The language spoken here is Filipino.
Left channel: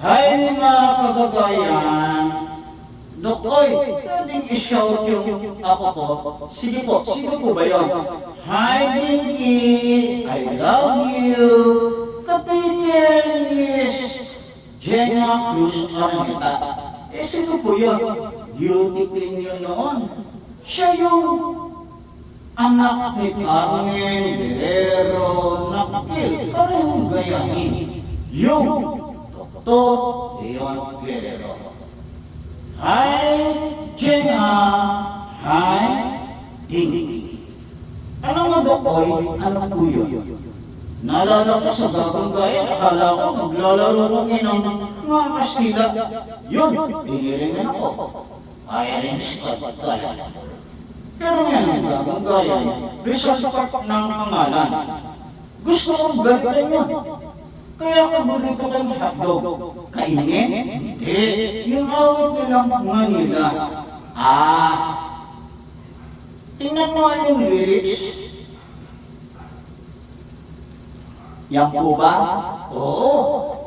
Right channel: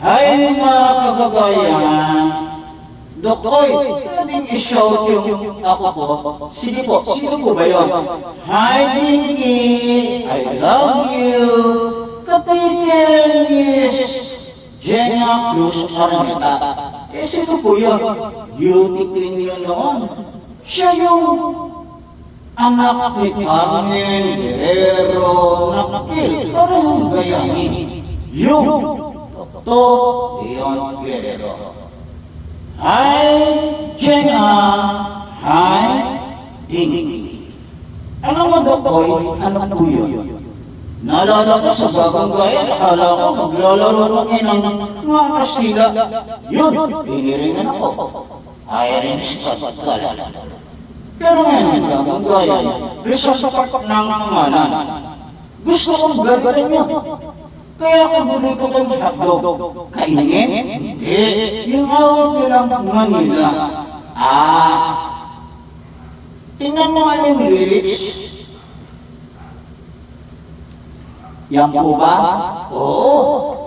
Hay mga kagagayan, Dokoy, pwedeng i-shout yung ako po. Sige po, sino po ba yun? Hi Dinky, I love you. Kapitan Miss Jenna Cruz Araneta. Sino po yun? Beauty queen yun noon. Siya yung anak ni Carmen Guerrero Nakil. Karehong gayahin. Yung Dr. Leon Guerrero. Hi, Jenna. Hi, Dinky. Alam mo, Dokoy, ano po yun? Naalala ko sa bagong gaya, akala ko maglalaro kami ng mga Kastila. Yun, piniringan ako. Irish Pagkala. Pero ngayon, bagong gaya, resasapak ng pangalan. Gusto kong gagawin yun. Kaya kagulo ko ng hotdog. Kainin? Hindi. Yung awit nilang Manila. Tingnan mo nga yung lyrics. Yan po ba? Oo.